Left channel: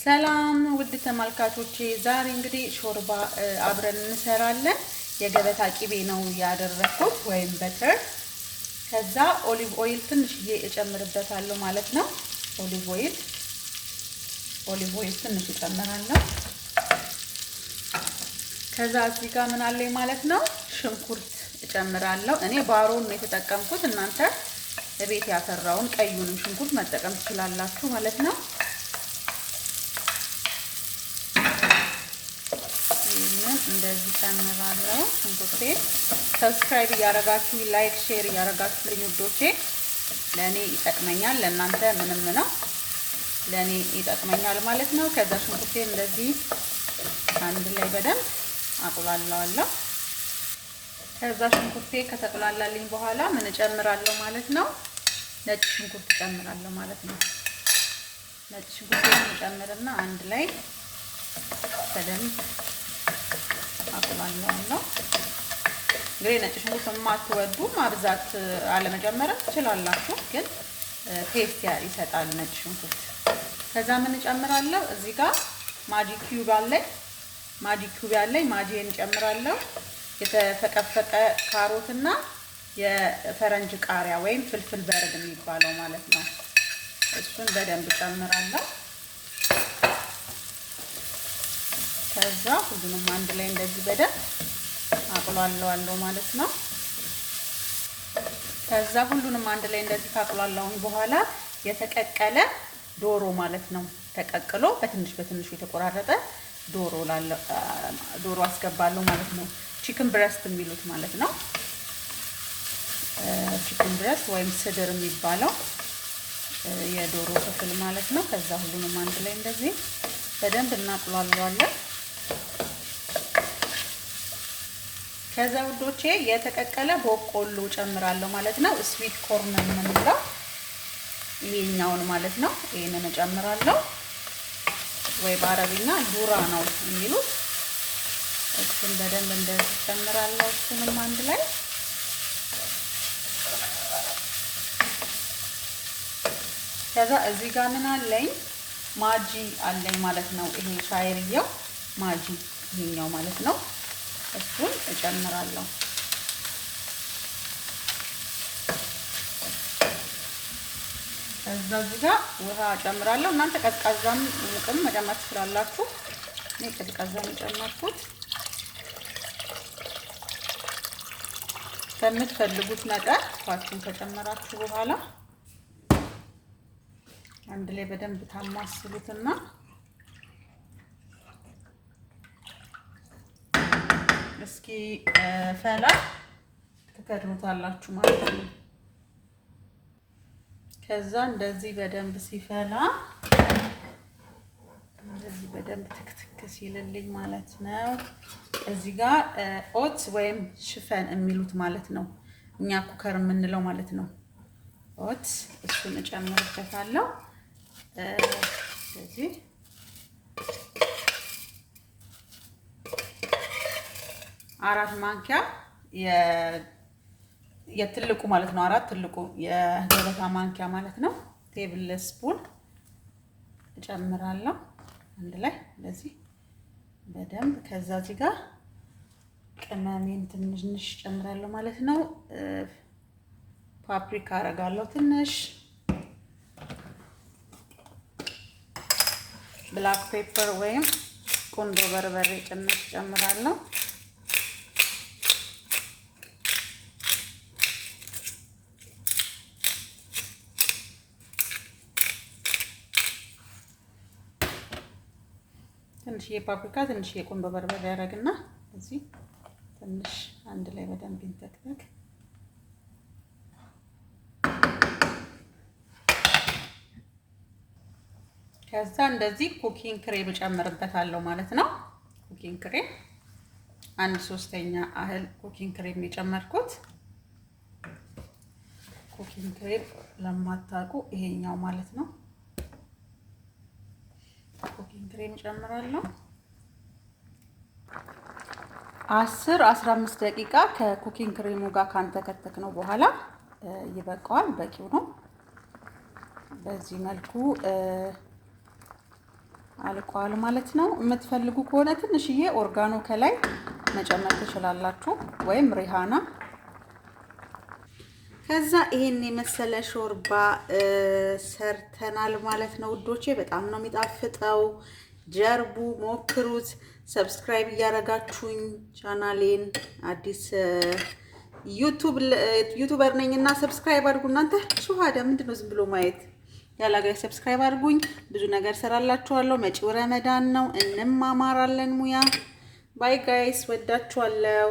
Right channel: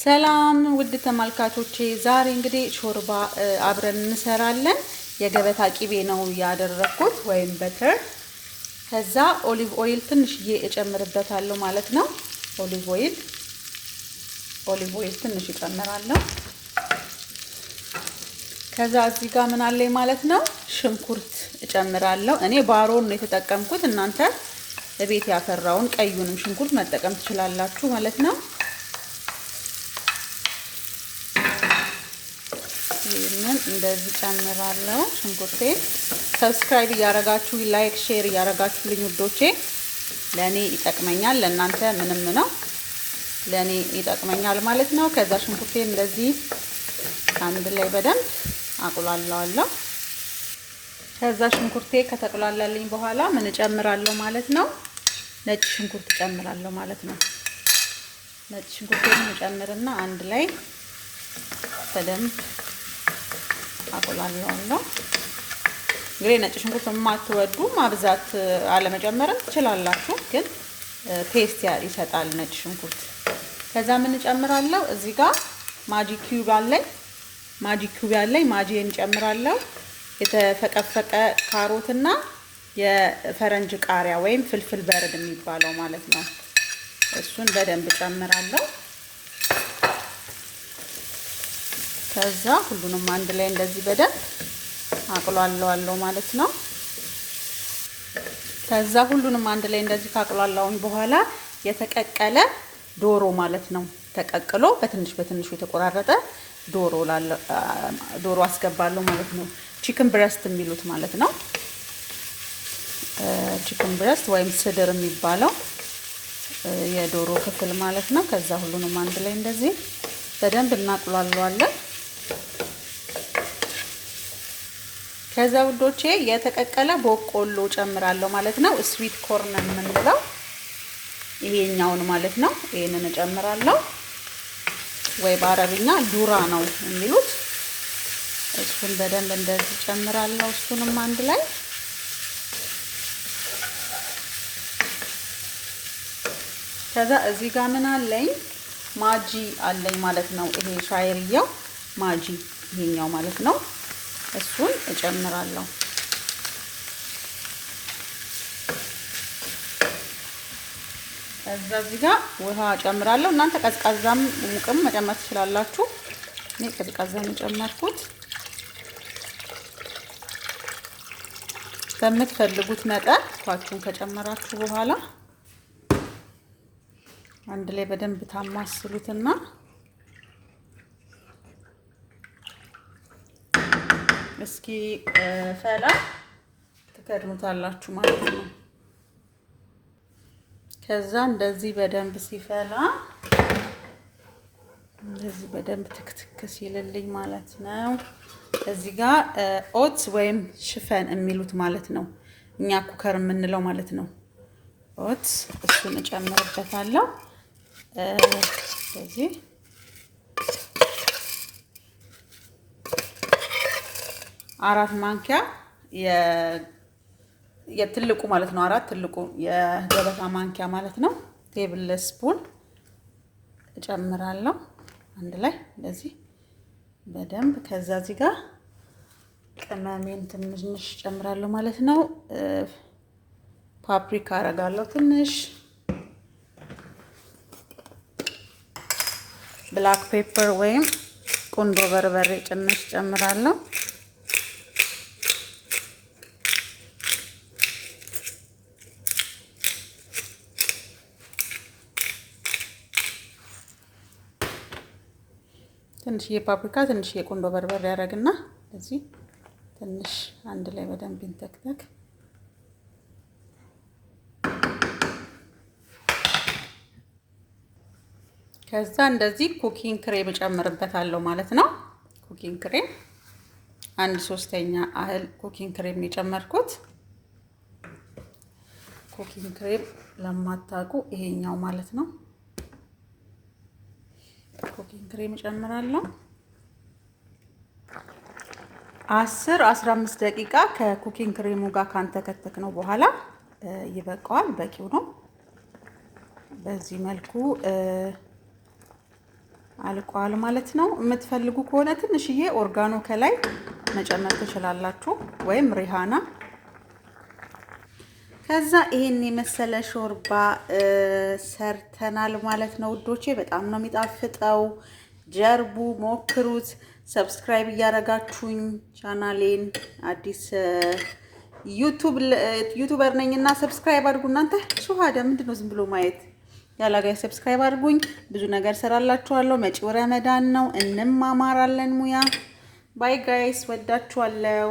ሰላም ውድ ተመልካቾቼ፣ ዛሬ እንግዲህ ሾርባ አብረን እንሰራለን። የገበታ ቂቤ ነው ያደረኩት ወይም በተር። ከዛ ኦሊቭ ኦይል ትንሽዬ እጨምርበታለሁ ማለት ነው። ኦሊቭ ኦይል ትንሽ እጨምራለሁ። ከዛ እዚህ ጋር ምን አለኝ ማለት ነው፣ ሽንኩርት እጨምራለሁ። እኔ ባሮን ነው የተጠቀምኩት። እናንተ ለቤት ያፈራውን ቀዩንም ሽንኩርት መጠቀም ትችላላችሁ ማለት ነው። ይሄንን እንደዚህ ጨምራለሁ። ሽንኩርቴ ሰብስክራይብ እያደረጋችሁ ላይክ ሼር እያደረጋችሁልኝ ውዶቼ፣ ለኔ ይጠቅመኛል። ለእናንተ ምንም ነው፣ ለኔ ይጠቅመኛል ማለት ነው። ከዛ ሽንኩርቴ እንደዚህ አንድ ላይ በደንብ አቁላለዋለሁ። ከዛ ሽንኩርቴ ከተቁላላልኝ በኋላ ምን እጨምራለሁ ማለት ነው፣ ነጭ ሽንኩርት እጨምራለሁ ማለት ነው። ነጭ ሽንኩርቴን እጨምርና አንድ ላይ በደንብ አቁላለዋለሁ። እንግዲህ ነጭ ሽንኩርት የማትወዱ ማብዛት አለመጨመርም ትችላላችሁ፣ ግን ቴስት ይሰጣል ነጭ ሽንኩርት። ከዛ ምን እጨምራለሁ እዚህ ጋር ማጂ ኪዩብ ያለኝ ማጂን እጨምራለሁ። የተፈቀፈቀ ካሮትና የፈረንጅ ቃሪያ ወይም ፍልፍል በርድ የሚባለው ማለት ነው። እሱን በደንብ እጨምራለሁ። ከዛ ሁሉንም አንድ ላይ እንደዚህ በደንብ አቁላለዋለሁ ማለት ነው። ከዛ ሁሉንም አንድ ላይ እንደዚህ ካቁላለሁኝ በኋላ የተቀቀለ ዶሮ ማለት ነው፣ ተቀቅሎ በትንሹ የተቆራረጠ ዶሮ አስገባለሁ ማለት ነው። ቺክን ብረስት የሚሉት ማለት ነው። ቺክን ብረስት ወይም ስድር የሚባለው የዶሮ ክፍል ማለት ነው። ከዛ ሁሉንም አንድ ላይ እንደዚህ በደንብ እናቁላለዋለን። ከዛ ውዶቼ የተቀቀለ በቆሎ ጨምራለሁ ማለት ነው። ስዊት ኮርን የምንለው ይሄኛውን ማለት ነው። ይሄንን እጨምራለሁ፣ ወይ በአረብኛ ዱራ ነው የሚሉት። እሱን በደንብ እንደዚህ ጨምራለሁ። እሱንም አንድ ላይ ከዛ እዚህ ጋር ምን አለኝ ማጂ አለኝ ማለት ነው። ይሄ ሻይርያው ማጂ ይሄኛው ማለት ነው። እሱን እጨምራለሁ። እዚህ ጋር ውሃ እጨምራለሁ። እናንተ ቀዝቃዛም ሙቅም መጨመር ትችላላችሁ። እኔ ቀዝቃዛውን የጨመርኩት። በምትፈልጉት መጠን ውሃችሁን ከጨመራችሁ በኋላ አንድ ላይ በደንብ ታማስሉትና እስኪ ፈላ ትከድኑታላችሁ ማለት ነው። ከዛ እንደዚህ በደንብ ሲፈላ እንደዚህ በደንብ ትክትክ ሲልልኝ ማለት ነው። እዚህ ጋር ኦትስ ወይም ሽፈን የሚሉት ማለት ነው፣ እኛ ኩከር የምንለው ማለት ነው። ኦትስ እሱን እጨምርበታለሁ። ስለዚህ አራት ማንኪያ የትልቁ ማለት ነው፣ ትልቁ የገበታ ማንኪያ ማለት ነው። ቴብል ስፑን እጨምራለሁ አንድ ላይ እንደዚህ በደንብ። ከዛ እዚህ ጋር ቅመሜን ትንሽ እጨምራለሁ ማለት ነው። ፓፕሪካ አረጋለሁ ትንሽ፣ ብላክ ፔፐር ወይም ቁንዶ በርበሬ ትንሽ እጨምራለሁ። ትንሽ የፓፕሪካ ትንሽ የቁንዶ በርበሬ ያደርግና እዚህ ትንሽ አንድ ላይ በደንብ ይንተክተክ። ከዛ እንደዚህ ኩኪንግ ክሬም እጨምርበታለሁ ማለት ነው። ኩኪንግ ክሬም 1/3 ያህል ኩኪንግ ክሬም የጨመርኩት። ኩኪንግ ክሬም ለማታውቁ ይሄኛው ማለት ነው። ኩኪንግ ክሬም እጨምራለሁ። 10-15 ደቂቃ ከኩኪንግ ክሬሙ ጋር ካንተከተክ ነው በኋላ ይበቃዋል፣ በቂው ነው። በዚህ መልኩ አልቋል ማለት ነው። የምትፈልጉ ከሆነ ትንሽዬ ኦርጋኖ ከላይ መጨመር ትችላላችሁ ወይም ሪሃና። ከዛ ይሄን የመሰለ ሾርባ ሰርተናል ማለት ነው ውዶቼ። በጣም ነው የሚጣፍጠው። ጀርቡ፣ ሞክሩት። ሰብስክራይብ እያረጋችሁኝ ቻናሌን አዲስ ዩቲዩበር ነኝና ሰብስክራይብ አድርጉ። እናንተ ሹሃዳ ምንድነው ዝም ብሎ ማየት ያላጋይ ሰብስክራይብ አድርጉኝ። ብዙ ነገር ሰራላችኋለሁ። መጪው ረመዳን ነው፣ እንማማራለን ሙያ። ባይ ጋይስ፣ ወዳችኋለሁ።